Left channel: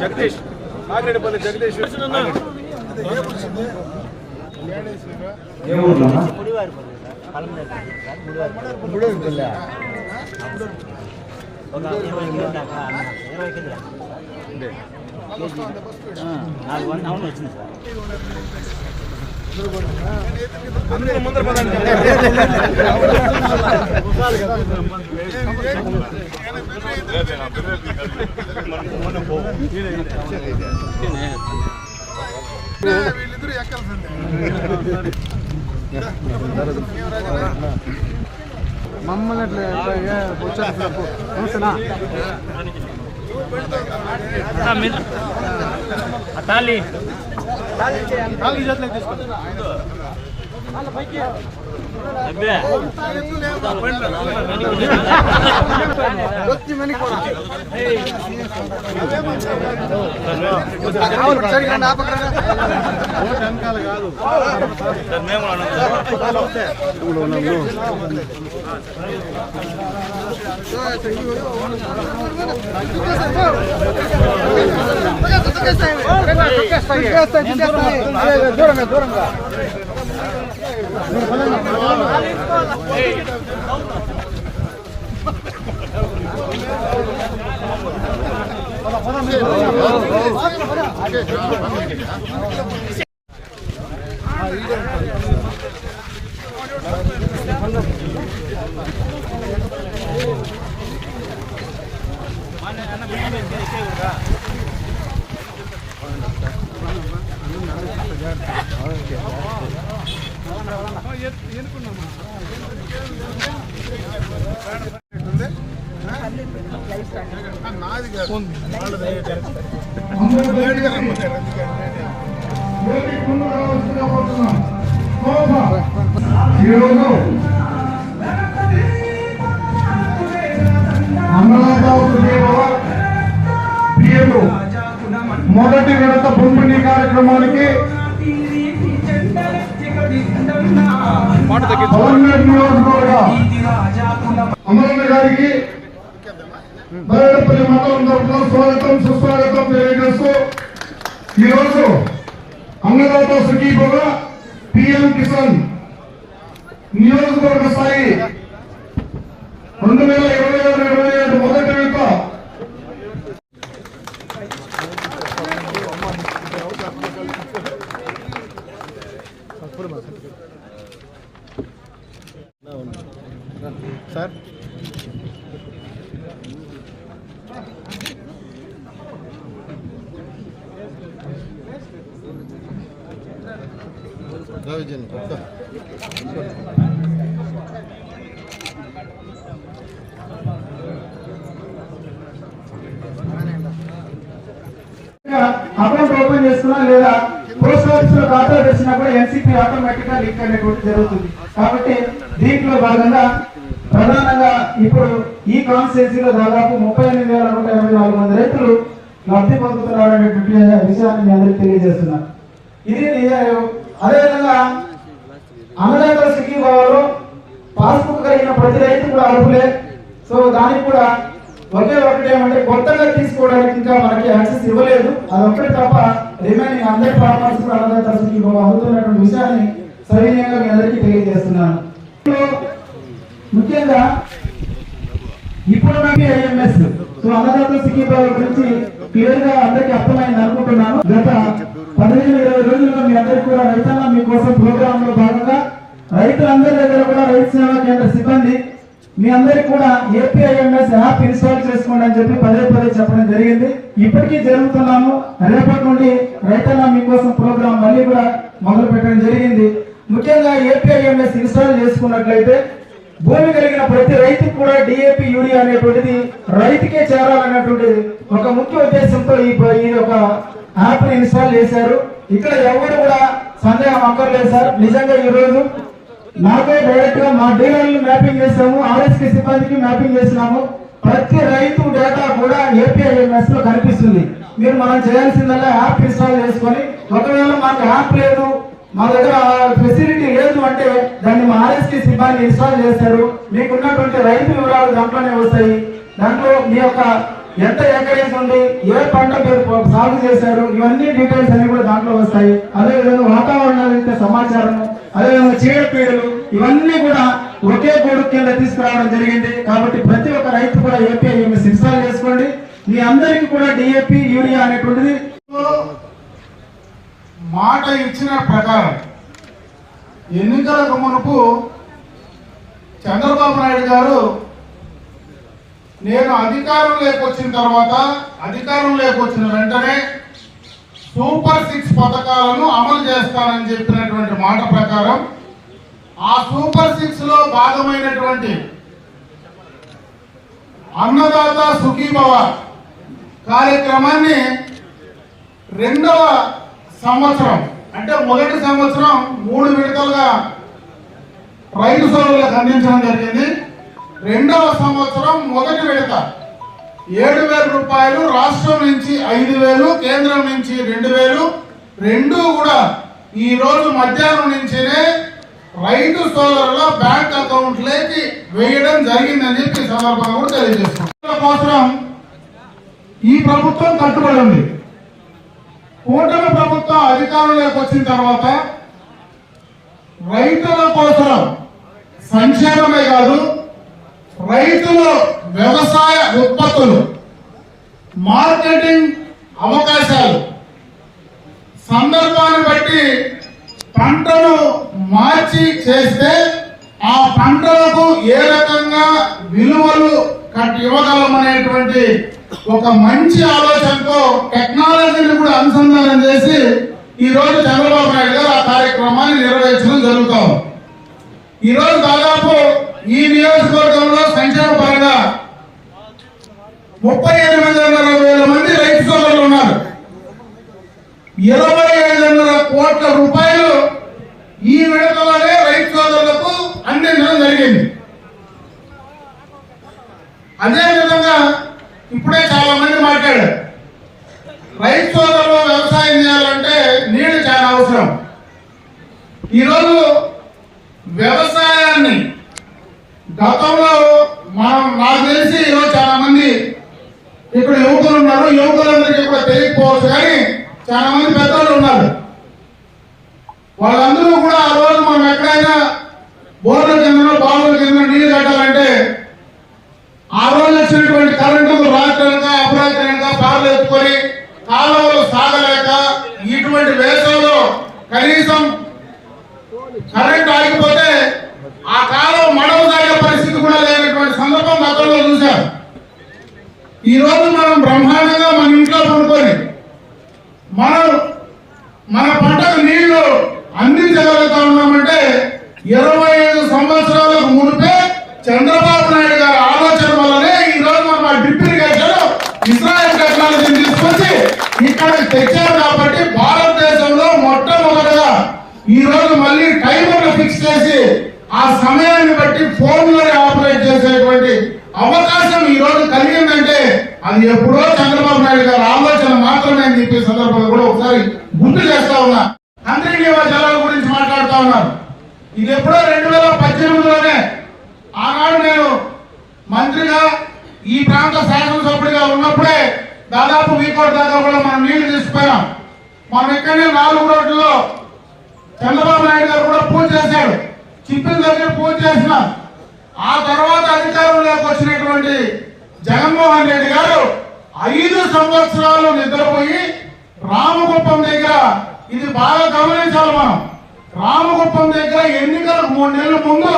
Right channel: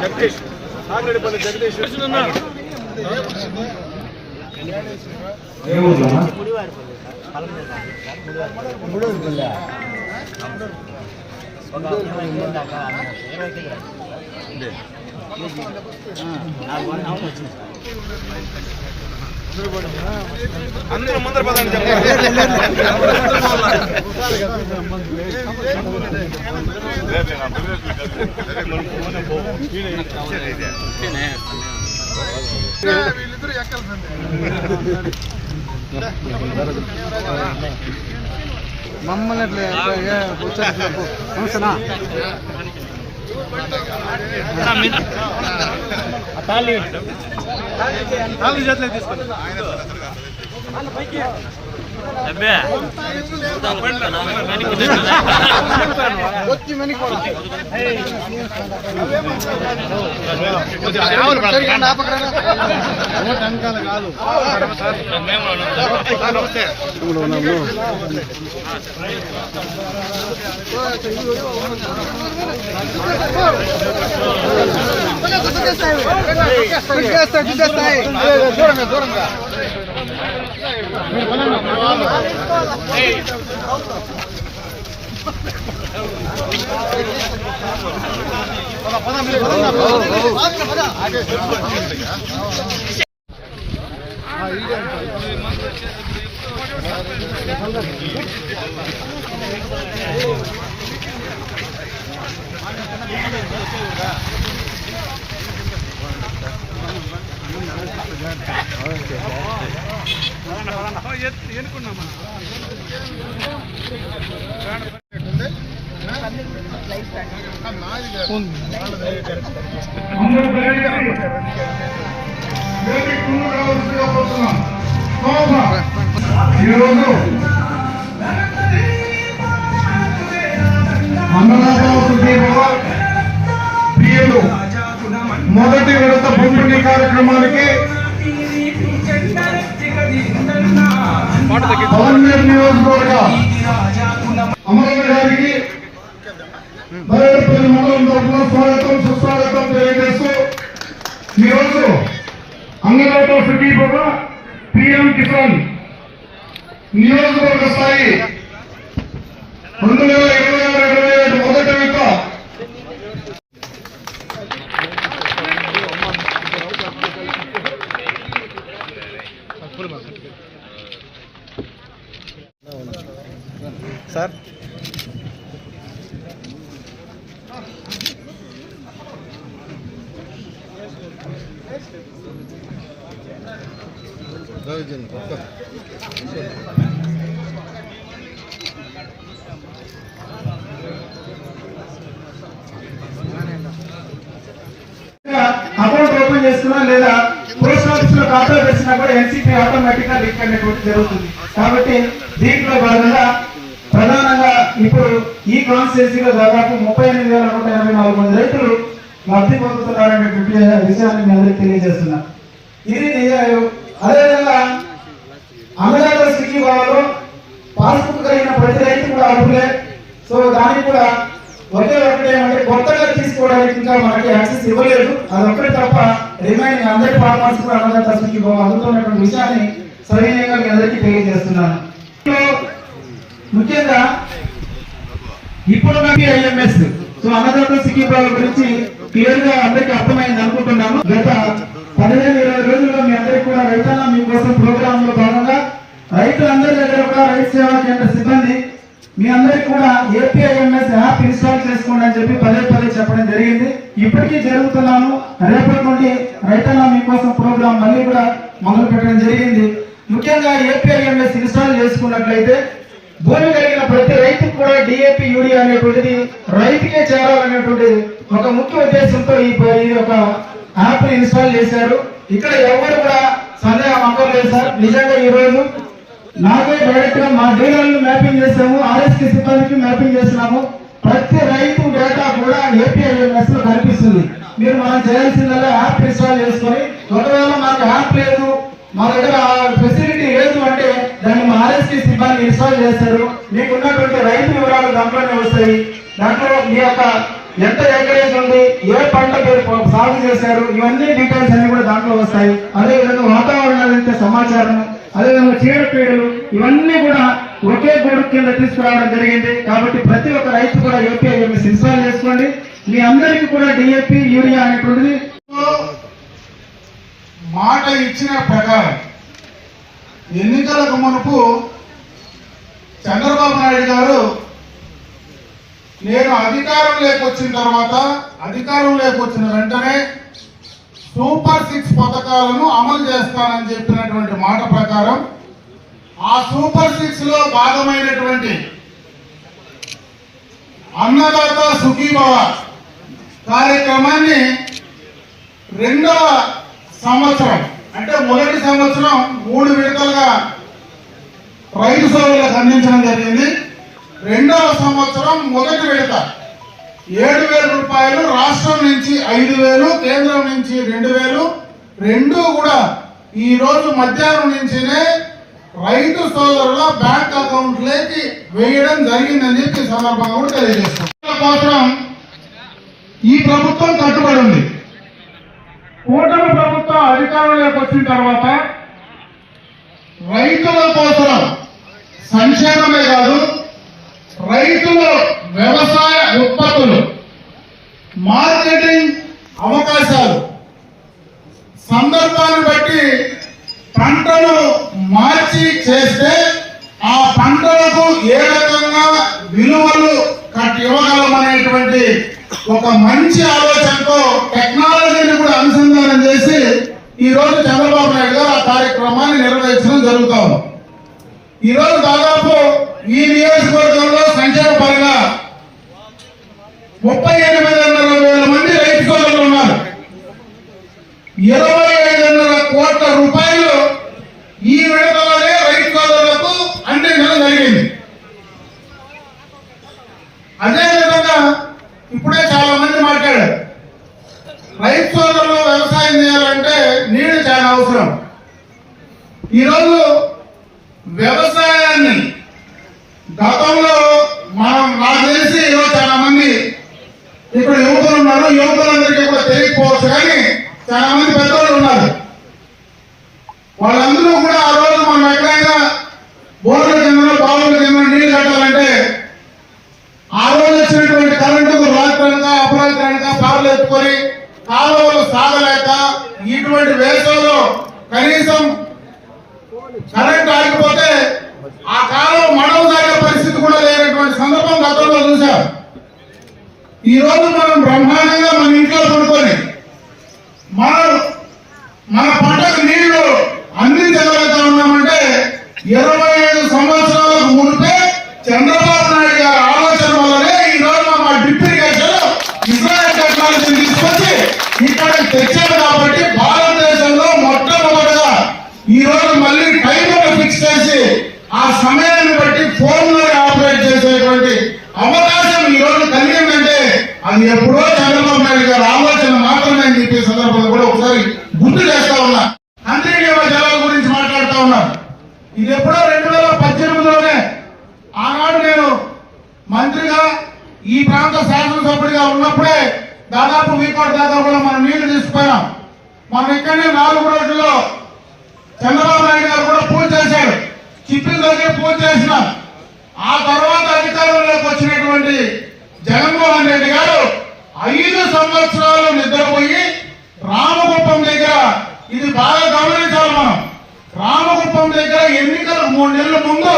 జగదీష్ ఆగ్రేపల్లి జగదీష్ ముందర మమ్మల్ని తాళి అబ్బే దూరంగా మొదటి విడత పంపిణీ కార్యక్రమానికి నియోజకవర్గ అమరన్న గారికి బయలుపల్లి మండలం తరఫున స్వాగతం సుస్వాగతం తెలియజేస్తూ ఈరోజు అన్నదాత సుఖీభవ పిఎం కిసాన్ నియోజకవర్గ స్థాయి 2026-27 మొదటి విడత సార్ అకౌంట్ ఓపెన్ చేసుకున్నా లేదా పోస్ట్ ఆఫీస్ లో ఖాతా తెచ్చినా కూడా ఎన్సీపీ ఆటోమేటిక్ గా లింక్ అనేటువంటి జరుగుతుంది. కాబట్టి దీంట్లో భాగంగా ప్రధానంగా ఇప్పుడు ఈ కాన్స్టిట్యూన్సీలో దాదాపు 38,184 మంది రైతులు లబ్ధి పొందుతున్నారనేటువంటి విషయాన్ని మీ అందరికీ తెలియజేస్తున్నారు. ఇది అదేవిధంగా అన్నదాత సుఖీభావలో పాస్బుక్ కలిగిన ప్రతి రైతు కూడా అర్హులే. సో దానికి కూడా ఒకటే ఏమంటే కొత్తగా తీసుకోవడానికి ఇంకా మనకి యాక్సెస్ ఇవ్వలేదు. అదొక్కటి తప్ప రిమైనింగ్ అందరి ఫార్మర్స్ కూడా అన్నదాత సుఖీభావ అందుతున్నటువంటి విషయాన్ని సవినయంగా మీ అందరికీ తెలియజేస్తున్నాను. ముఖ్యంగా ఇప్పుడు ఐఎంఎస్ సో అన్నదాత సుఖీభావ గురించి క్లియర్ గా అందరికీ అర్థమైంది అనుకుంటున్నాను. గత 15-20 రోజుల్లో మీ అందరికీ కూడా రైతన్న మీకోసం ప్రోగ్రామ్ లో భాగంగా రైతులందరి దగ్గర కూడా రైతు సేవా కేంద్ర సిబ్బంది మీ అందరికీ కూడా ఏపీఐఎంఎస్ యాప్ ఇన్స్టాల్ చేసుకోండి అని చెప్పి పదే చెప్పడం జరిగింది. ఇప్పటికీ జరుగుతున్నాను. రేపటి నుండి రైతన్న మీకోసం ప్రోగ్రామ్ మళ్ళీ కూడా మొదలు పెట్టడం జరిగింది. ముఖ్యంగా ఏపీఐఎంఎస్ ఇన్స్టాల్ చేసుకున్నట్లయితే భూమి కలిగిన ప్రతి రైతుకు కూడా డిఏపి యూరియా అనేటువంటిది రైతుకే చేరాలనేటువంటి ఒక ముఖ్య ఉద్దేశంతో ఈ ఒక యాప్ ని ఇన్స్టాల్ చేశారు. ఇక్కడ ఎవరు కూడా సందేహం అక్కర్లేదు సార్. నిజంగా ఈ రోజు నాకే డైరెక్ట్ గా మా డీలర్లు మ్యాపింగ్ చేసాము, ఆర్ఎస్కే సిబ్బందికి మ్యాపింగ్ చేస్తున్నాము. మనం చేయాల్సిందల్లా యాప్ ఇన్స్టాల్ చేసుకొని, ఒకవేళ మాకు యాప్ లేదు, మా దగ్గర ఫెసిలిటీ లేదు అంటే దాన్ని మా ఆర్ఎస్కి సిబ్బంది ఇన్స్టాల్ చేస్తారు. మీకు ఉన్నటువంటి రైతు వివరాలు దాంట్లోనే వస్తాయి. దాంట్లో మీ యొక్క ఎంత ఎకరేజ్ ఉంది, ఏ పంట సాగు చేశారు, ఇవన్నీ డీటెయిల్స్ అన్ని కూడా దాంట్లో వస్తాయి. అదేవిధంగా వాతావరణాలు అయితే సమాచారం, అదేవిధంగా చీడపీడలు, ఇవన్నీ కూడా ఒకే గొడుగు కింద తీసుకురావడం జరిగింది. కాబట్టి ప్రతి ఒక్క రైతు కూడా ఏపీఐఎంఎస్ ఇన్స్టాల్ చేసుకోండి. మీ అందరికీ కూడా డిఏపి, యూరియా అనేటువంటిది మాట ఇచ్చిన ప్రకారం ఎన్నికలకు మునుపు చంద్రబాబు నాయుడు గారు నేను అధికారంలోకి వచ్చిన వెంటనే సూపర్ 6 పథకాలను అమలు చేస్తానని చెప్పినటువంటి మాట ప్రకారం ఆ సూపర్ 6 లో భాగమైనటువంటి అన్నదాత సుఖీభవ కార్యక్రమాన్ని రెండవ సంవత్సరం అంటే మొదటి సంవత్సరం 3 విడతలుగా రైతు సోదరులకు అందించడం జరిగింది. రెండవ సంవత్సరం మొదటి విడత 7,000 రూపాయలు, రాష్ట్రం నుంచి 5,000, కేంద్రం నుంచి 2,000, రెండు కూడా ఈ రోజు మధ్యాహ్నం నుంచినే రైతు సోదరుల బ్యాంక్ అకౌంట్లోకి వేయడం జరిగిందని చెప్పి సందర్భంగా కూడా తెలియజేస్తున్నాం. ఈ ప్రభుత్వం కట్టుబడి ఉంది. కూటమి ప్రభుత్వం అధికారంలోకి వచ్చిన తర్వాత రైతుల కోసం సంక్షేమమే కాదు, రైతుల వ్యవసాయ ఉత్పత్తులు, మార్కెటింగ్ అవకాశాలు, సందర్భాన్ని బట్టి పంటను మార్చి చేస్తే ఆ పంటలకు ఏ రకంగా విలువలు ఇవ్వగలమనేటువంటి ఒక మంచి ఆలోచనతో టెక్నాలజీని కూడా అనుసంధానం చేసి ఈ రోజు చంద్రబాబు నాయుడు గారు ఆ కార్యక్రమాన్ని నిర్వహించడం జరుగుతాం. ఈ రోజు దాదాపు ఈ నియోజకవర్గంలో సంక్షేమ పరంగా 38,500 మంది రైతు సోదరులు ఉన్నారు. 25,500 కోట్ల రూపాయలు ఈ విడతలనే రైతు సోదరులకు అందించడం జరిగింది. అదేవిధంగా ఇప్పుడే చాలా మంది మాట్లాడారు, రైతు సోదరులు వ్యవసాయం చేయాలంటే నీళ్లు చాలా అవసరం. ఈరోజు వ్యవసాయాన్ని గతంలో నాకు తెలిసి ఈరోజు చాలా మంది ఇక్కడ యువకులు ఉన్నారు, యువకులందరికీ కూడా తెలియకపోవచ్చు, కానీ చాలా మంది పెద్దలు ఉన్నారు. వాళ్ళందరూ కూడా ఆ రోజు మనం ఎక్కడైనా బోర్ల కింద బావుల కింద నీళ్లు కట్టాలంటే ఆ రోజు వచ్చినటువంటి కరెంటు రాత్రనక అపరాత్రనక కార్లు ఎత్తుకొని కాలువలు సాగలేక ఇటువంటి వేసవిలో కనీసం కరెంట్ ఆగిపోతే ఆ కాలువ మడవ సాగే పరిస్థితి కూడా లేనటువంటి సందర్భం గతంలో చూశాం. ఈ రోజు మనం బ్రహ్మాండంగా మన ఇంట్లో పడుకొని మన పంటకు నీళ్లు అందించగలుగుతా ఉన్నామంటే 25 సంవత్సరాలకు మునిపే చంద్రబాబు నాయుడు గారి ఆలోచన వల్లనే ఈ రోజు మా డిప్లికేషన్ ఇజ్రాయెల్ టెక్నాలజీని తీసుకొచ్చి ఇక్కడ తెచ్చారు. కాబట్టి భారతదేశంలో మొట్టమొదటిగా ఈ రోజు మళ్ళీ టైమర్ ఫిక్స్ చేసి ఆ సమయాన్ని బట్టి ఫోన్లో ఆపరేట్ చేసేటువంటి అవకాశం ఈ రోజు కలిగిందంటే అది ఎప్పుడో చంద్రబాబు నాయుడు గారి ఆలోచన మాత్రమే అని చెప్పే సందర్భంగా కూడా ఒకసారి గుర్తు చేస్తా ఉన్నా. అంతర్జీవ జలాల గురించి మాట్లాడుతా ఉన్నారు. ఇది ఎప్పుడో 2018లోనే ఆనాడు నేను మంత్రిగా ఈ ప్రాంత శాసనసభ్యుడిగా ఉన్నప్పుడే దాదాపు వీకోటి దాకా కూడా మనం నీళ్లు తీసుకుపోయాం. మనం ఇక్కడనే 4 రోజుల్లో చంద్రబాబు నాయుడు గారు కూడా పూజ చేశాడు, చిప్పిల దగ్గర పూజ చేసిన. ఆ తర్వాత అధికారంలోకి వచ్చినటువంటి జగన్మోహన్ రెడ్డి గారు 5 సంవత్సరాలు నిద్రపోయి రామగుప్పం దగ్గర, ఇది బాగా గమనించాలి మనం, రామగుప్పం దగ్గర ఎన్నికలకు 3 నెలల ముందు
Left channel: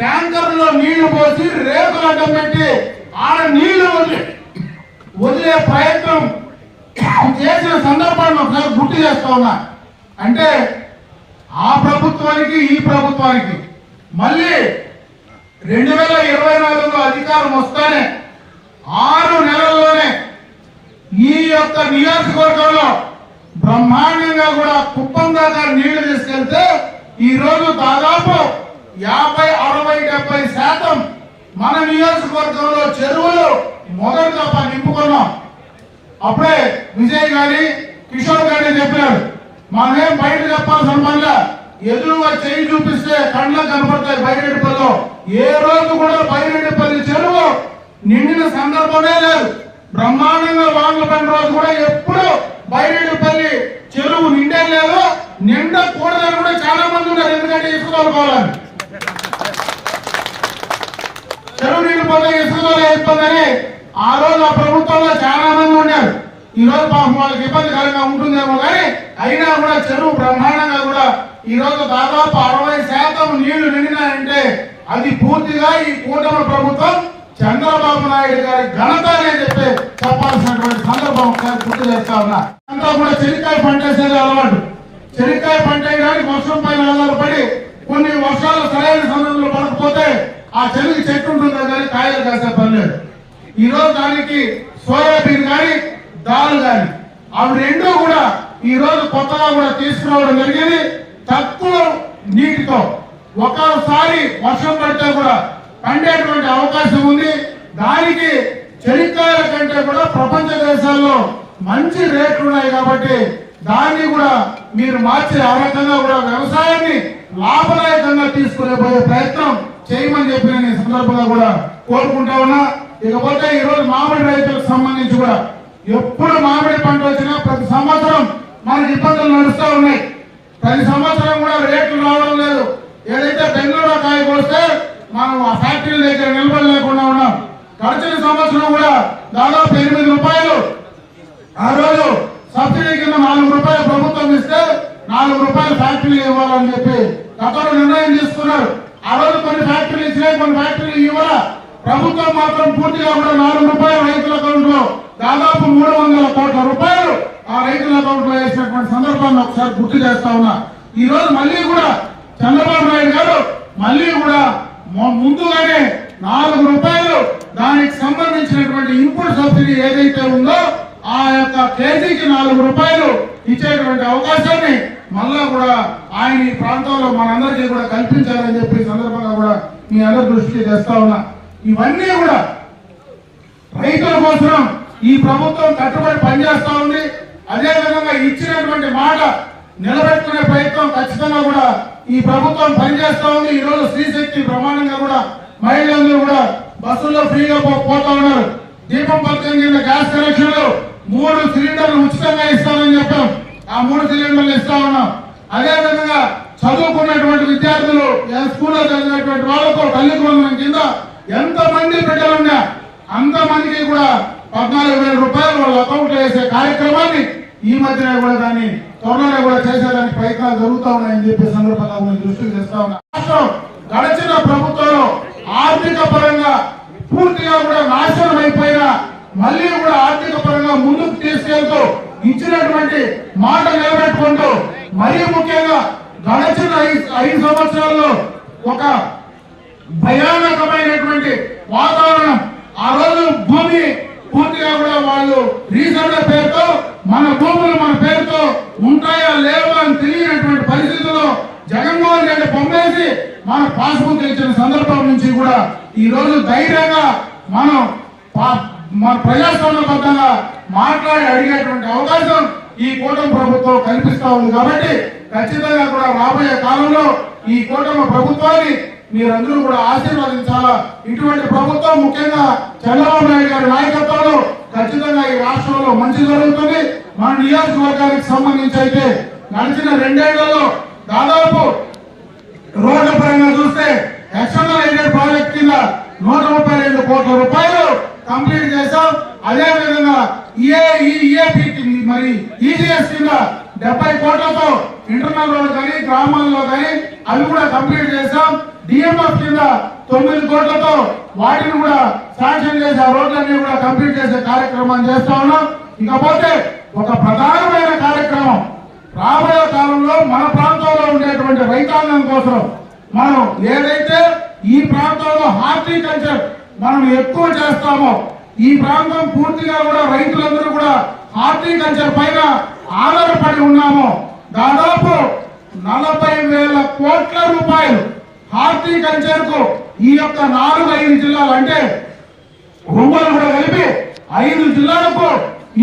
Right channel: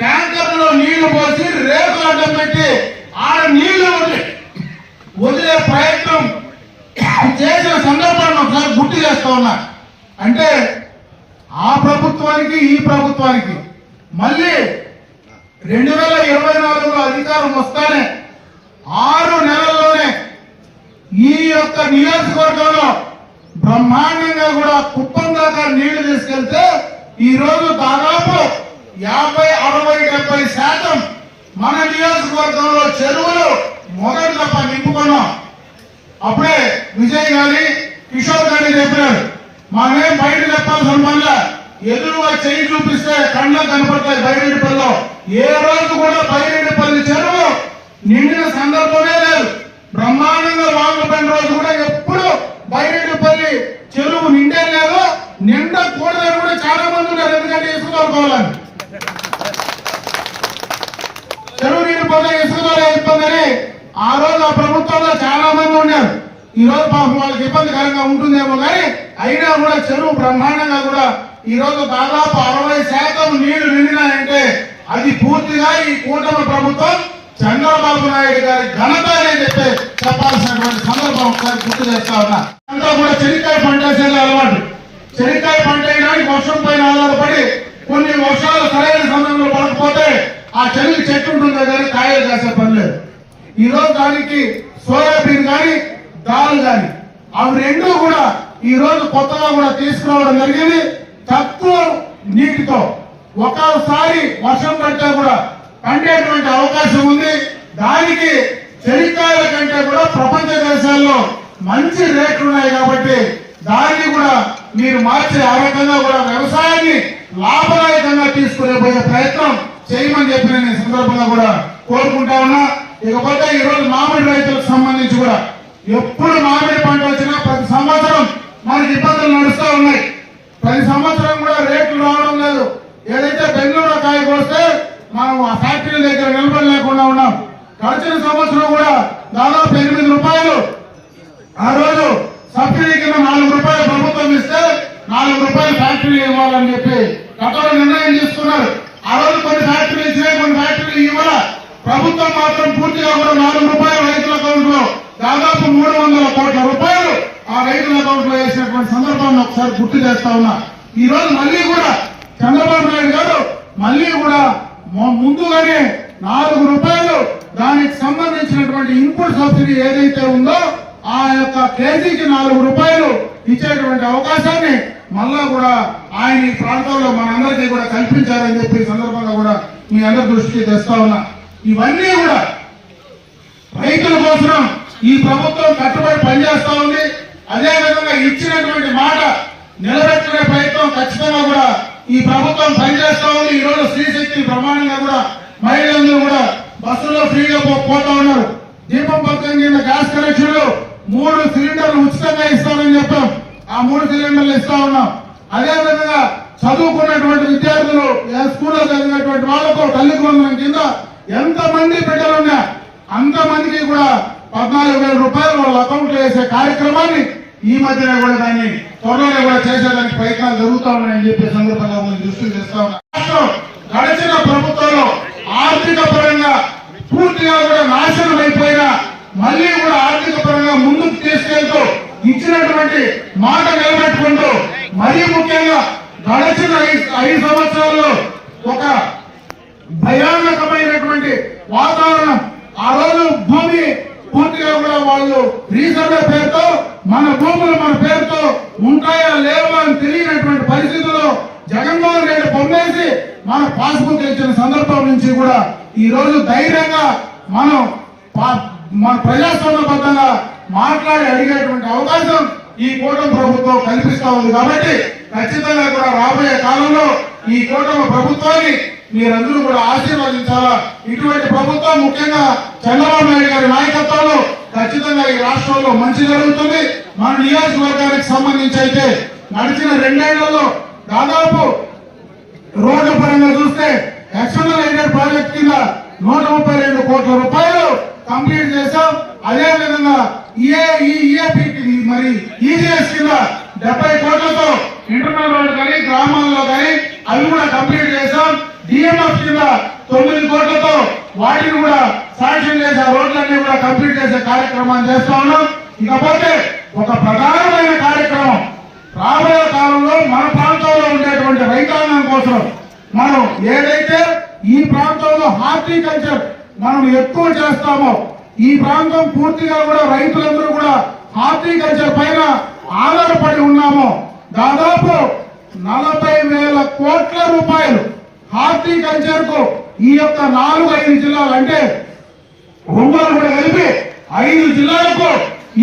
ట్యాంకర్లో నీళ్లు పోసి రేకులు అడ్డం పెట్టి ఆడ నీళ్లు వదిలే ప్రయత్నం చేసిన సందర్భాన్ని ఒకసారి గుర్తు చేస్తా ఉన్నా. అంటే ఆ ప్రభుత్వానికి ఈ ప్రభుత్వానికి మళ్ళీ 2024లో అధికారం వస్తానే 6 నెలల్లోనే ఈ యొక్క నియోజకవర్గంలో బ్రహ్మాండంగా కూడా కుప్పం దాకా నీళ్లు తీసుకెళ్తే ఈ రోజు దాదాపు 50, 60, 70% మన నియోజకవర్గంలో చెరువులు మొదటి దఫా నింపుకున్నాం. అప్పుడే విజయ్ గాని కిషోర్ గాని చెప్పారు. మనమేం బయట చెప్పాల్సిన వల్ల ఎదురుగా చేయి చూపిస్తే కళ్ళ కనపడతాయి. బైరెడ్డిపల్లిలో ఏ రోజు కూడా బైరెడ్డిపల్లి చెరువు నిండిన సందర్భమే లేదు. బ్రహ్మాండంగా వాగులు పడిన రోజు కూడా ఎప్పుడు బైరెడ్డిపల్లి చెరువు నిండే లేదు. నిండకూడదని కూడా చాలా మంది ఉన్నారు. ఎందుకంటే ఇసుకోవాలని చెరువు నిండిపోతే ఇసుకోవాలి ఇబ్బందని ఆ రోజు ఆ ప్రభుత్వంలో చాలా మంది ఉన్నారు. ఈ రోజు వాళ్ళకి ఇబ్బందికరంగా ఉంటుందేమో కానీ అయినా కూడా చెరువు బ్రహ్మాండంగా కూడా ఈ రోజు దాదాపు 60% నీళ్లు నిండినాయంటే అది పూర్తిగా ఈ కూటమి ప్రభుత్వం చంద్రబాబు నాయుడు గారి ఘనత అని చెప్పాల్సినటువంటి సందర్భం ఒకసారి గుర్తు చేస్తా ఉన్నా. అంతా కూడా చెనిక్కాయ పంట వేసేది అలవాటు. చెనిక్కాయ పంట వేయడానికి వర్షం పైన ఆధారపడి కొన్ని వర్షాలు సరైన సమయంలో పడకపోతే ఆ చెరువు చెట్టు ఉంటుంది కానీ కాయలు కాసే పని లేదు. ఈ రోజు దానికి సోయాబీన్ కానీ దాల్ కానీ అవి రెండూ కూడా ఈ రోజు కొత్తగా కూడా తీసుకురావడం జరిగింది. తక్కువ నీటితో ఒకసారి వర్షం పడితే కూడా పండేటువంటి అవకాశం ఉంది. దానికి చెనిక్కాయల కంటే కూడా ప్రపంచ దేశాల్లో మంచి రేట్లు ఉన్నాయి కాబట్టి దాన్ని కూడా మీరు మార్చే ఆ రకంగా కూడా వ్యవసాయాన్ని లాభదాయకంగా తీసుకునే పోయే ప్రయత్నం చేయమని చెప్పి నేను ఈ సందర్భంగా కూడా కోరుకుంటా ఉన్నా. ఇకపోతే ఈ రోజు మామిడి రైతులకు సంబంధించి కూడా ఎప్పుడు మామిడి పంట వచ్చినా ప్రతి సంవత్సరం మనకి ఇబ్బందులు నడుస్తూ ఉన్నాయి. ప్రతి సంవత్సరం కూడా రేట్లు రావడం లేదు. ఏదైతే బెంగళూరు కాయ కోస్తే మనం ఆ ఫ్యాక్టరీ దగ్గర నిలబడలేకుండా ఉన్నాం. గడిచిన సంవత్సరం కూడా దాదాపు 8 రూపాయలు ఆ రోజు సబ్సిడీ కింద 4 రూపాయలు ప్రభుత్వం ఇస్తే 4 రూపాయలు ఫ్యాక్టరీలు ఇవ్వాలని చెప్పి గతంలో నిర్ణయం తీసుకున్నారు. ఆ రోజు కొన్ని ఫ్యాక్టరీలు ఇచ్చినాయి, కొన్ని ఫ్యాక్టరీలు ఇవ్వాల. ప్రభుత్వం మాత్రం పూర్తిగా కూడా 4 రూపాయలు రైతుల అకౌంట్ లో దాదాపు 300 కోట్ల రూపాయలు ఆ రైతుల అకౌంట్ లో వేసినటువంటి సందర్భాన్ని ఒకసారి గుర్తు చేస్తా ఉన్నా. ఈ రోజు మళ్ళీ కూడా చంద్రబాబు నాయుడు గారు మళ్ళీ కూడా ముందుగానే 4 రూపాయలు దానికి సంబంధించినటువంటి ఇన్పుట్ సబ్సిడీ ఏదైతే ఉందో ఆ యొక్క కేజీకి 4 రూపాయలు ఇచ్చేటువంటి అవకాశాన్ని మళ్ళా కూడా ఆయన ఈ ప్రాంతాల్లో మనందరికీ కూడా కల్పించాలని చెప్పి సందర్భంగా కూడా మీ అందరి దృష్టికి తెస్తా ఉన్నా. ఇవన్నీ కూడా రైతుల కోసం ఈ ప్రభుత్వం కట్టుబడి పనిచేస్తా ఉంది. అదేవిధంగా ఇచ్చినటువంటి మాట నిలబెట్టుకునే ప్రయత్నం ఖచ్చితంగా కూడా ఈ ప్రభుత్వం పనిచేస్తా ఉంది. ఈ రోజు శ్రీశక్తి ప్రమాణంగా కూడా మహిళలందరూ కూడా బస్సుల్లో ఫ్రీగా పోతా ఉన్నారు. దీపం పథకం కింద గ్యాస్ కనెక్షన్లు 3 సిలిండర్లు ఉచితంగా ఇస్తామని చెప్పాం. ఆ 3 సిలిండర్లు ఇస్తా ఉన్నాం. అదేవిధంగా చదువుకున్నటువంటి విద్యార్థులు స్కూల్లో చదివినటువంటి వాళ్ళతో తల్లి బృందం కింద ఎంతమంది బిడ్డలున్నా అంతమందికి కూడా 14,000 రూపాయలు వాళ్ళ అకౌంట్ లో వేసే కార్యక్రమాన్ని ఈ మధ్యన కూడా దాన్ని త్వరలో కూడా చేసేదానికి ప్రయత్నాలు జరుగుతా ఉన్నాయని చెప్పి సందర్భంగా దృష్టికి తెస్తా ఉన్నా. గడిచిన ప్రభుత్వంలో ఆర్థిక పరంగా పూర్తిగా కూడా నాశనం అయిపోయినా మళ్ళీ కూడా ఆర్థిక పరంగా ముందుకు తీసుకెళ్తూ ఇచ్చినటువంటి మాట నిలబెట్టుకుంటూ మరీ ముఖ్యంగా గడిచిన 5 సంవత్సరాల్లో ఒక భయానకమైనటువంటి వాతావరణం. ఆ రోజు భూమి పూర్తిగా కూడా వాళ్ళు రీసర్వే పేరుతో మన భూములు మన పేరుతో ఉంటాయా లేవా అని తెలియనటువంటి పరిస్థితుల్లో జగన్మోహన్ రెడ్డి పొందేసి మన పాస్బుక్ ఇచ్చిన సందర్భం నుంచి కూడా ఈ రోజు ధైర్యంగా మనం మన ప్రజాస్వామ్యబద్ధంగా మాట్లాడి అడిగేటువంటి అవకాశం ఈ కూటమి ప్రభుత్వం కల్పిస్తా ఉంది. కాబట్టి ఖచ్చితంగా కూడా రాబోయే కాలంలో ఈ కూటమి ప్రభుత్వాన్ని మీరందరూ కూడా ఆశీర్వదించాలా. ఇటువంటి ప్రభుత్వం ముఖ్యంగా చంద్రబాబు నాయుడు గారి నాయకత్వంలో ఖచ్చితంగా ఈ రాష్ట్రంలో మంచి జరుగుతుంది. మన నియోజకవర్గానికి సంబంధించి అయితే నడిచిన 2 ఏళ్లలో దాదాపు రోడ్ల పరంగా చూస్తే ఎక్స్టర్నల్ ఎయిడెడ్ ప్రాజెక్ట్ కింద 132 కోట్ల రూపాయలు కంప్లీట్ చేశాం. అదేవిధంగా మరి ఈజీఎస్ కింద 70 కోట్లతో ఇంటర్నల్ రోడ్లు కానీ గ్రామాల్లో కానీ అవి కూడా కంప్లీట్ చేశాం. డిఎంఎఫ్ కింద 9 కోట్లతో వాటిని కూడా శాంక్షన్ చేసి ఆ రోడ్లన్నీ కూడా కంప్లీట్ చేసే కార్యక్రమాన్ని చేస్తా ఉన్నాం. ఇకపోతే ఒక ప్రధానమైన కార్యక్రమం రాబోయే కాలంలో మన ప్రాంతంలో ఉండేటువంటి రైతాంగం కోసం మనం ఏదైతే ఈ ప్రాంతంలో హార్టికల్చర్ మనం ఎక్కువ చేస్తామో ఈ ప్రాంతం పూర్తిగా కూడా రైతులందరూ కూడా హార్టికల్చర్ పైన ఆధారపడి ఉన్నామో దాదాపు 40,000 కోట్ల రూపాయలు హార్టికల్చర్ కు ఈ యొక్క 4-5 జిల్లాలు అంటే ఒంగోలు కూడా కలిపి 5 జిల్లాలకు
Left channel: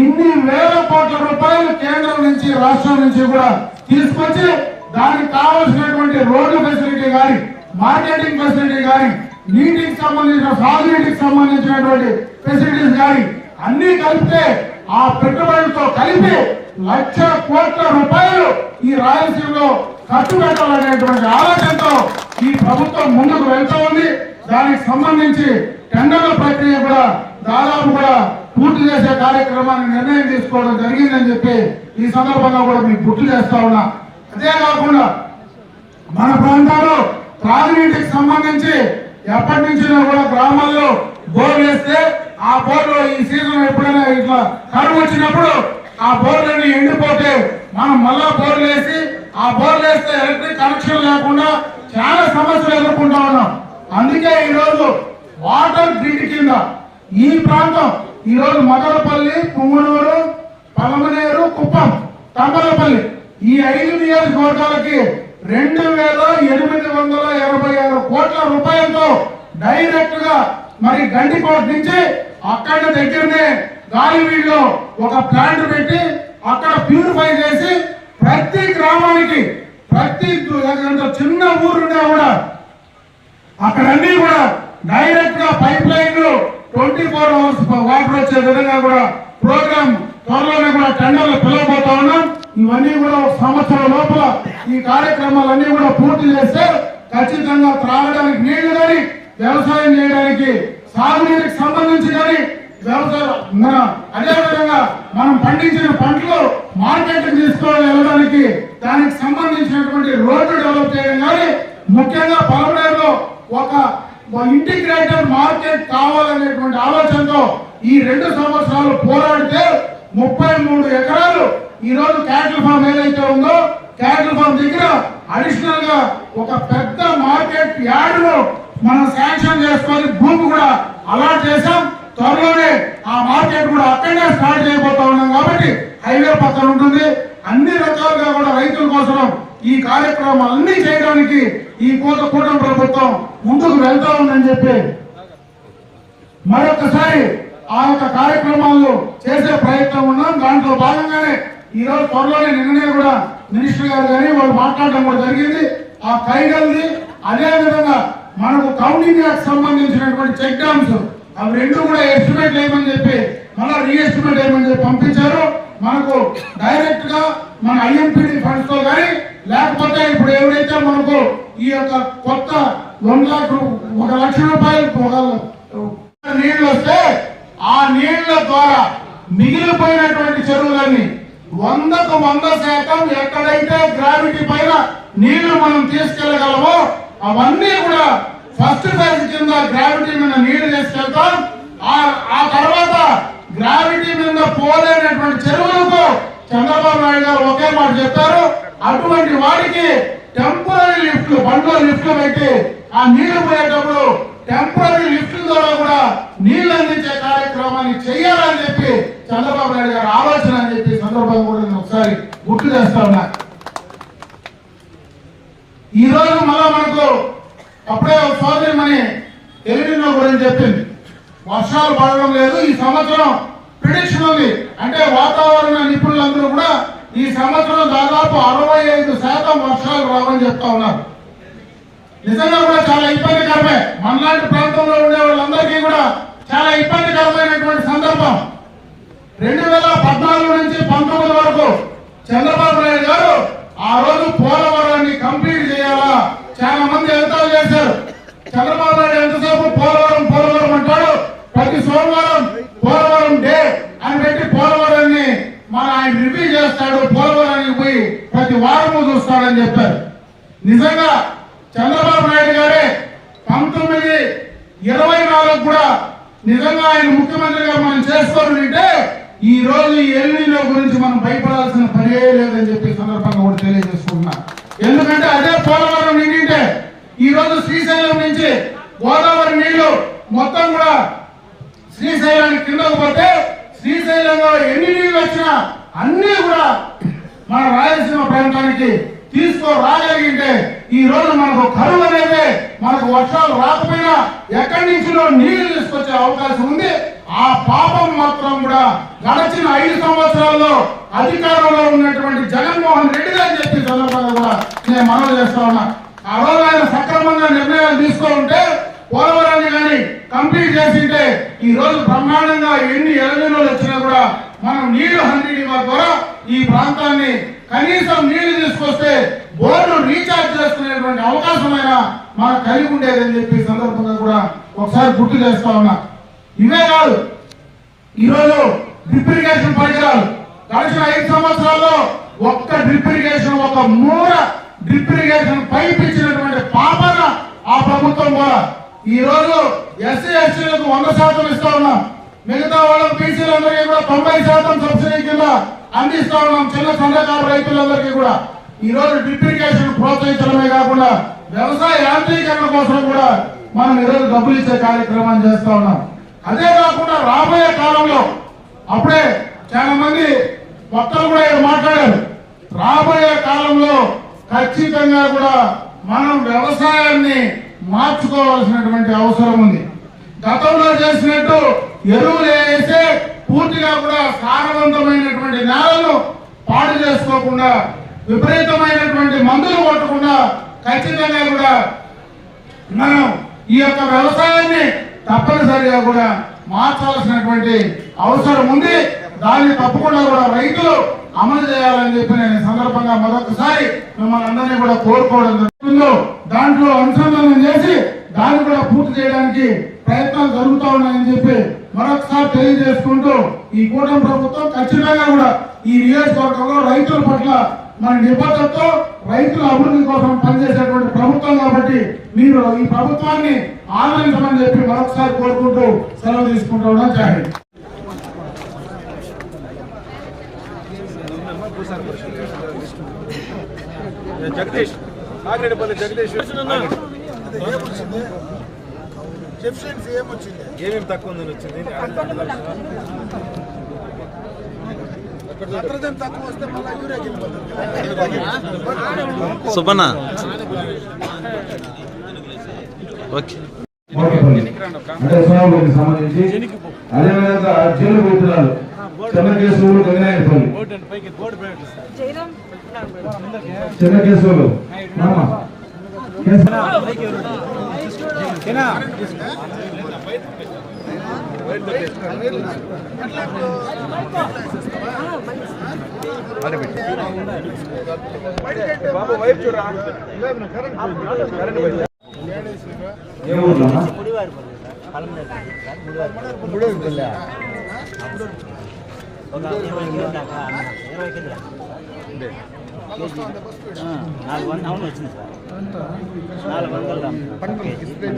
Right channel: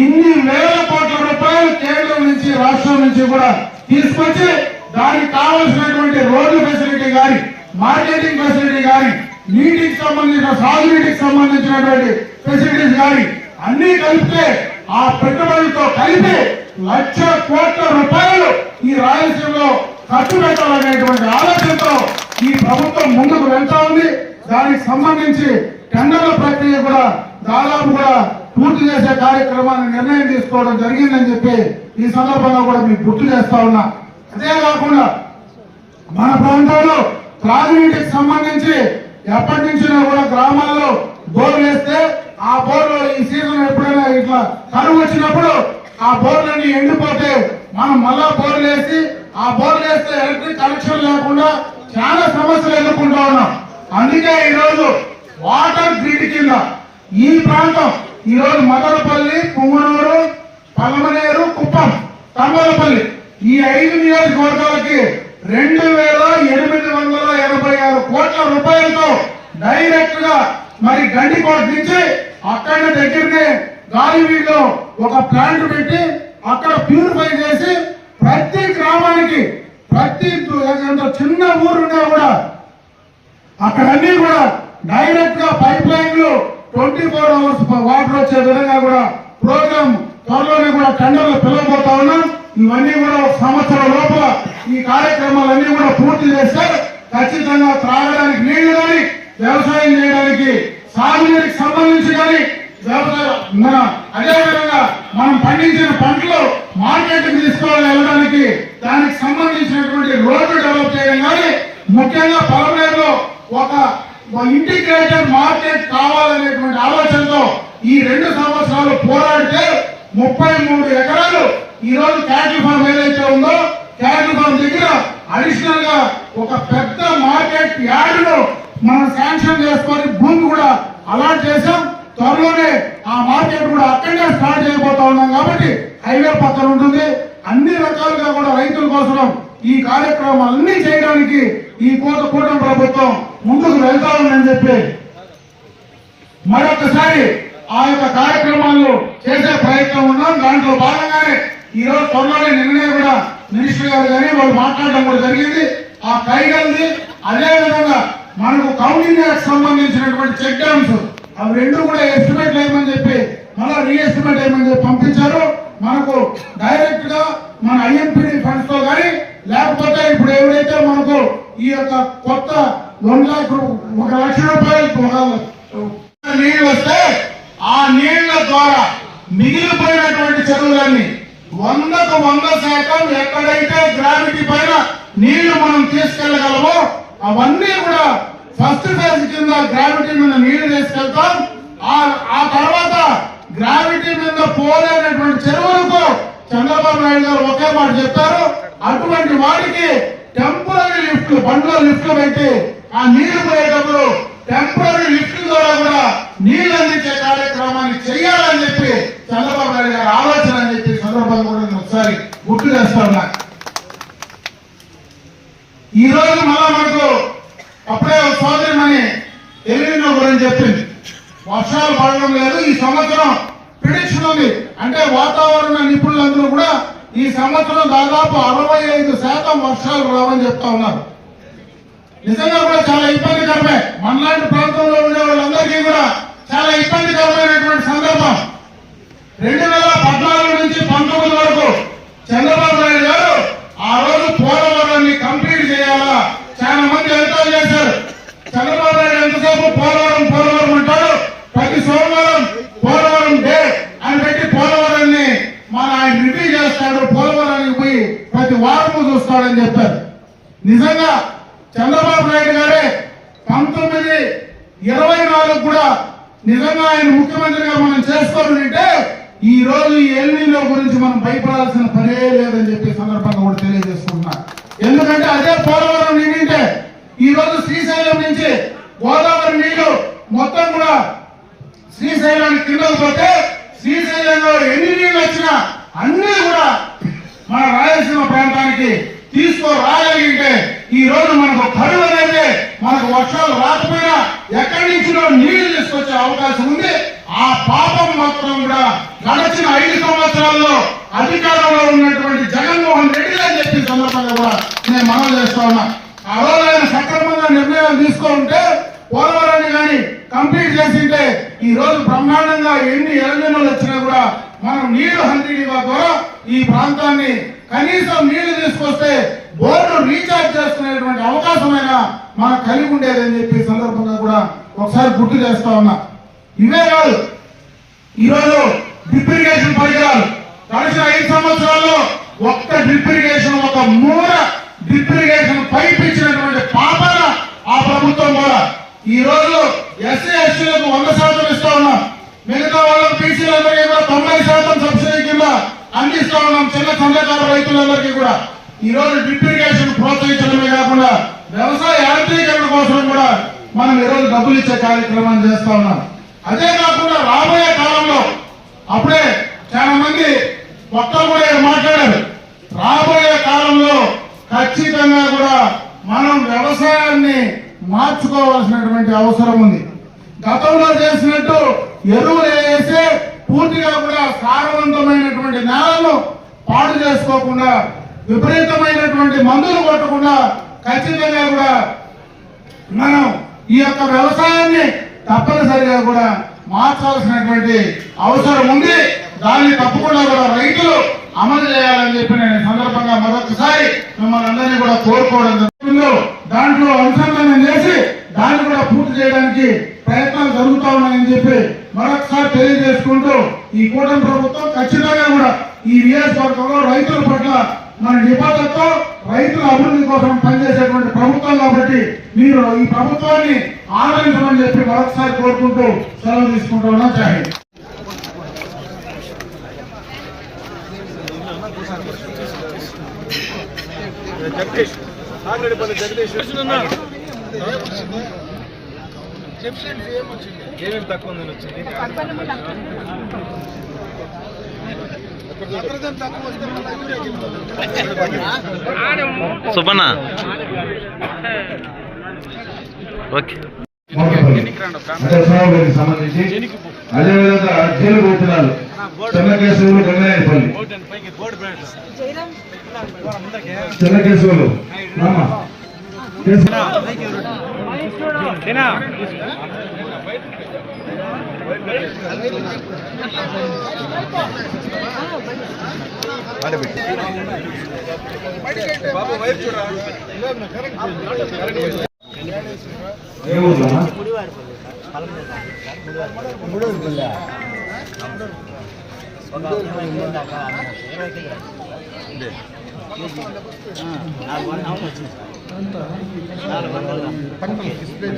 ఇన్ని వేల కోట్ల రూపాయలు కేంద్రం నుంచి రాష్ట్రం నుంచి కూడా తీసుకొచ్చి దానికి కావాల్సినటువంటి రోడ్డు ఫెసిలిటీ కానీ మార్కెటింగ్ ఫెసిలిటీ కానీ నీటికి సంబంధించిన సాగునీటికి సంబంధించినటువంటి ఫెసిలిటీస్ కానీ అన్ని కలిపితే ఆ పెట్టుబడులతో కలిపి 1,00,000 కోట్ల రూపాయలు ఈ రాయలసీమలో ఖర్చు పెట్టాలనేటువంటి ఆలోచనతో ఈ ప్రభుత్వం ముందుకు వెళ్తా ఉంది. దానికి సంబంధించి టెండర్ల ప్రక్రియ కూడా దాదాపుగా పూర్తి చేసే కార్యక్రమాన్ని నిర్ణయం తీసుకోవడం జరిగిందని చెప్పి ఈ సందర్భంగా కూడా మీకు గుర్తు చేస్తా ఉన్నా. అదే కాకుండా మన ప్రాంతంలో త్రాగునీటికి సంబంధించి ఎప్పటి నుంచో కూడా గ్రామాల్లో బోర్లు వేస్తే ఆ బోర్లో ఈ సీజన్ ఎప్పుడైనా ఇట్లా కరువు వచ్చినప్పుడు ఆ బోర్లన్నీ ఎండిపోతే మనం మళ్ళా బోర్లు వేసి ఆ బోర్లు వేస్తే ఎలక్ట్రిక్ కనెక్షన్ లేకుండా చాలా సమస్యలు ఎదుర్కొంటా ఉన్నాం. అందుకే ఈరోజు వాటర్ గ్రిడ్ కింద ఈ ప్రాంతం ఈరోజు మదనపల్లి, పుంగనూరు, పలమనేరు, కుప్పం, తంబలపల్లి ఈ 5 నియోజకవర్గాలకి 2,886 కోట్ల రూపాయలతో డైరెక్ట్ గా మరి గండికోట నుంచి అక్కడ దగ్గరనే గాలివీడులో ఒక ప్లాంట్ పెట్టి అక్కడ ప్యూరిఫై చేసి ప్రతి గ్రామానికి ప్రతి చిన్న ఊరున్నా కూడా అక్కడ అన్ని కూడా డైరెక్ట్ గా పైప్ లైన్లు 24 అవర్స్ వాటర్ వచ్చే విధంగా కూడా ప్రోగ్రామ్ త్వరలోనే కూడా టెండర్లు పిలవబోతా ఉన్నాం. ఇవన్నీ కూడా ఒక సంవత్సరం లోపల ఈ కార్యక్రమాలన్నీ కూడా పూర్తి చేస్తే ఖచ్చితంగా త్రాగడానికి నీళ్లు కానీ వ్యవసాయం చేయడానికి సాగునీటికి సంబంధించి కానీ అదేవిధంగా మనం పండించిన పంటలు మార్కెట్ తీసుకొని వెళ్ళడానికి దానికి సంబంధించినటువంటి రోడ్డు డెవలప్ చేయడం కానీ ముఖ్యంగా పలమనేరులో ఒక ఇంటిగ్రేటెడ్ మార్కెట్ కావాలనేటువంటి ఆలోచనతో ఈ 2 సంవత్సరాలు పోరాడితే 33 ఎకరాలు ఈ రోజు క్యాటిల్ ఫామ్ ఏదైతే ఉందో క్యాటిల్ ఫామ్ దగ్గర అడిషనల్ గా ఒక పెద్ద మార్కెట్ యార్డ్ లో మనం శాంక్షన్ చేసుకొని భూమి కూడా అలాట్ చేశాం. త్వరలోనే ఆ మార్కెట్ కూడా అక్కడనే స్టార్ట్ చేయబోతా ఉన్నాం కాబట్టి హైవే పక్కన ఉంటుంది. అన్ని రకాలుగా కూడా రైతుల కోసం ఈ కార్యక్రమాలన్నీ చేయడానికి ఈ కూటమి ప్రభుత్వం ముందుకు వెళ్తా ఉందని చెప్పి మరొకసారి ఆ యొక్క కార్యక్రమాలు చేసే ప్రయత్నం ఉన్నాం. దాంట్లో భాగంగానే ఈ రోజు త్వరలోనే నిన్ననే కూడా మినిస్టర్ గారు కానీ వాళ్ళు మాట్లాడడం కూడా జరిగింది. ఆ కైగల్ది అదే విధంగా మనకు కౌంటింగ్ యాక్ట్ సంబంధించినటువంటి చెక్ డ్యామ్స్ అవి 2 కూడా ఎస్టిమేట్ వేయమని చెప్పి మళ్ళీ రీఎస్టిమేట్ వేయమని చెప్పి పంపించారు. మనకు డైరెక్ట్ గా మన ఐఎంపీడీ ఫండ్స్ తో కానీ లేకపోతే ఇప్పుడు ఎవరైతే మనకు ఈ యొక్క కొత్త 1,00,000 రూపాయలు నీళ్లు వస్తే ఆ నీళ్ల ద్వారా మిగిలిపోయినటువంటి చెరువులన్నీ 100% ఎక్కడైతే గ్రావిటీ పైన నీళ్లు మనం తీసుకెళ్లగలమో అవన్నీ కూడా ఫస్ట్ ఫేజ్ కింద గ్రావిటీ మీద నీళ్లు తీసుకెళ్తాం. ఆ తర్వాత గ్రావిటీ మీద పోలేనటువంటి చెరువులకు చంద్రబాబు నాయుడు గారు ఒకే మాట చెప్పారు, అటువంటి వాడికి టెంపరీ లిఫ్ట్లు బండ్లో లిఫ్ట్లు పెట్టి ఆ నీళ్లు పోయేటప్పుడు టెంపరీ లిఫ్ట్ల ద్వారా కూడా నీళ్లు అందించే కార్యక్రమాన్ని చేయాలని చెప్పి చంద్రబాబు నాయుడు గారు ఆలోచన అని చెప్పి సందర్భంగా కూడా ఒకసారి గుర్తు చేస్తా ఉన్నా. ఈ రోజు మళ్ళా మనకు అప్పుడే ఒక సోదరిమని తెలివిన గురించి చెప్పింది, వర్షాలు పడడం లేదు ఈ సంవత్సరం ప్రిడిక్షన్ ఉంది అంటే వాతావరణ నిపుణులందరూ కూడా ఈ సంవత్సరం దాదాపు 65% వర్షాలు రావని చెప్తా ఉన్నారు. నిజంగా కూడా చాలా ఇబ్బందికరమే. మనలాంటి ప్రాంతంలో ఉండే వాళ్ళందరికీ కూడా చాలా ఇబ్బందికరమైనటువంటి సందర్భం. 2014 నుంచి 19 వరకు చంద్రబాబు నాయుడు గారు ఆ రోజు పోలవరాన్ని కంప్లీట్ చేయాలా చాలా మంది ఎంతో చేశారు. చంద్రబాబు నాయుడు ఎంతసేపు పోలవరం అంటాడు, ప్రతి సోమవారం పోలవరం డే అని పెట్టి పోలవరాన్ని ఆయన రివ్యూ చేస్తాడు, పోలవరానికి పోయి ప్రతి వారము చూస్తాడని చెప్పారు. నిజంగా చంద్రబాబు నాయుడు గారే 1924 కూడా నిజంగా ఆయన ముఖ్యమంత్రిగా మనం చేసుకోవాలంటే ఈ రోజు ఈ ఎల్నినో గురించి మనం భయపడాల్సిన పనే లేదని చెప్పి సందర్భంగా కూడా తెలియజేసుకున్నా. ఎందుకంటే అదే పోలవరం నిండింటే ఈ రోజు శ్రీశైలం నుంచి గోదావరి నీళ్లు మొత్తం కూడా శ్రీశైలానికి కిందకు పోతే శ్రీశైలంలో ఎన్ని నీళ్లు వచ్చినా అన్ని కూడా మన రాయలసీమ ప్రాంతానికి తీసుకురాగలిగితే ఈ రోజు మనకు కరువు అనేది మనకు వర్షాలు రాకపోయినా ఎక్కడి నుంచిలో నీళ్లు తీసుకొచ్చే అవకాశం ఉంది. ఆ పాపం మాత్రం కూడా గడిచిన 5 సంవత్సరాల్లో అధికారంలో ఉన్నటువంటి జగన్మోహన్ రెడ్డి అని చెప్పి సందర్భంగా కూడా నేను మనవి చేస్తా ఉన్నా. ఆ రోజు ఆయన సక్రమంగా నిర్ణయాలు తీసుకుంటే పోలవరాన్ని కానీ కంప్లీట్ చేసింటే ఈ రోజు బ్రహ్మాండంగా ఎన్ని ఎలజనులు వచ్చినా కూడా మనం నీళ్లు 100 ద్వారా ఈ ప్రాంతాన్ని కనీసం నీళ్లు తీసుకొస్తే బోర్డు రీఛార్జ్ చేసుకునేటువంటి అవకాశమైనా మనకు కలిగి ఉండేదని చెప్పి సందర్భంగా కూడా ఒకసారి గుర్తు చేస్తా ఉన్నా. ఇవే కాదు, ఈరోజు డ్రిప్ ఇరిగేషన్ పరికరాలు గడిచిన 5 సంవత్సరాల్లో ఒక్క డ్రిప్ ఇరిగేషన్, ఒక మూల డ్రిప్ ఇరిగేషన్ పైప్ ఇచ్చినటువంటి పాపన ఆ ప్రభుత్వం కూడా ఈ రోజు ఎస్సీ ఎస్టీలకు 100% ఇస్తా ఉన్నాం. మిగతా వాళ్ళకి పీసీలందరికీ కూడా 90% సబ్సిడీ కింద అందిస్తా ఉన్నాం. చిన్న సన్నకారు రైతులందరికీ కూడా ఈ రోజు డ్రిప్ ఇరిగేషన్ ప్రోత్సహించడమే కాకుండా వ్యవసాయ యాంత్రీకరణ కోసం కూడా మనం ఈ రోజు డబ్బులు ఇచ్చే కార్యక్రమాన్ని చేస్తా ఉన్నాం. అదే కాకుండా రాబోయే కాలంలో అప్పుడే చాలా మంది భక్తులు కూడా మాట్లాడారు. రాబోయే కాలంలో ఖచ్చితంగా కూడా మనం వ్యవసాయాన్ని మార్చుకోవాల్సినటువంటి అవసరం ఉంది. గతంలో చేసినట్టు ఎరువులు వేసే పూర్తిగా కూడా సారవంతమైనటువంటి నేలను పాటు చేసుకోకుండా విపరీతమైనటువంటి మందులు కొట్టకుండా ఖచ్చితంగా కూడా మనం ఈ యొక్క వ్యవసాయాన్ని తప్పనిసరిగా కూడా మార్చాల్సినటువంటి అవసరం ఉంది. దాన్ని తప్పకుండా కూడా రైతులు అమలు చేయాలని చెప్పి నేను సందర్భంగా మరొకసారి మిమ్మల్ని అందరినీ కూడా కోరుకోవడం జరుగుతుందో దాంట్లో అనుసంధానం చేసి దాన్ని కూడా పూర్తి చేయడానికి ప్రయత్నాలు జరుగుతూ ఉన్నాయని చెప్పి మరొకసారి తెలియజేసుకుంటూ ఈ కూటమి ప్రభుత్వం ఖచ్చితంగా కూడా ఈ నియోజకవర్గంలో రైతుల పట్ల మన నిబద్ధతతో రైతుల అభివృద్ధి కోసం పనిచేసేటువంటి ప్రభుత్వం కాబట్టి మీరు ఈ ప్రభుత్వాన్ని ఆదరించమని చెప్పి మరొకసారి కోరుకుంటూ సెలవు తీసుకుంటున్నా. జై హింద్. జగదీష్ ఆగ్రేపల్లి జగదీష్ ఏమేమి తక్కువ ఉందని వచ్చింది. తక్కువ వస్తే మళ్ళీ సుబ్బన్న ఓకే అంటే సోమవారికి సంబంధించి అదేవిధంగా జైలు పెట్టినారు చెన్నకేశవులు గంగాయపల్లి చెన్నకేశవులు బాబు వైపు చూడరా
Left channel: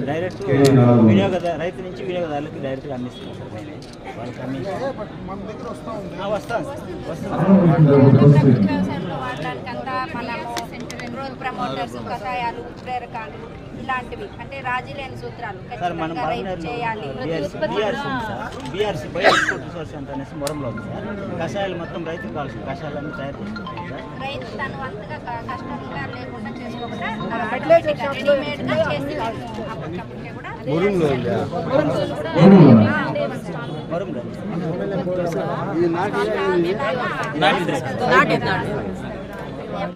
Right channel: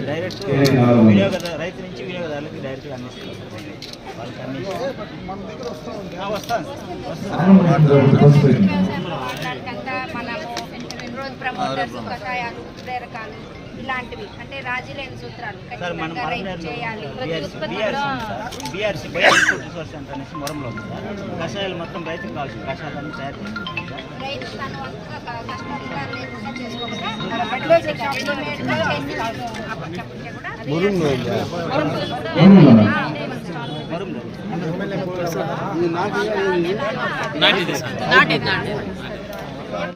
డైరెక్ట్ రైతు నుంచి వినియోగదారులకి డైరెక్ట్గా అందిస్తున్నారు. ప్రమోటర్స్ కషాయాలు ప్రేరకాలు ఇలాంటివి అంటే రాజీ లేని సూత్రాలు ఖచ్చితంగా రైతు చేయాలి. బీఆర్సీ రిసోర్స్ సెంటర్ అనేసి మొరంలో ఉంది సార్. కషాయాలు మొత్తం రైతుకు కావాల్సిన కషాయాలను తయారు చేస్తారు. రైతు తన వంతుగా కష్టంగా లేకుండా చేసుకోకుండా రెడీమేడ్గా చేసి అప్పటికప్పుడే కూడా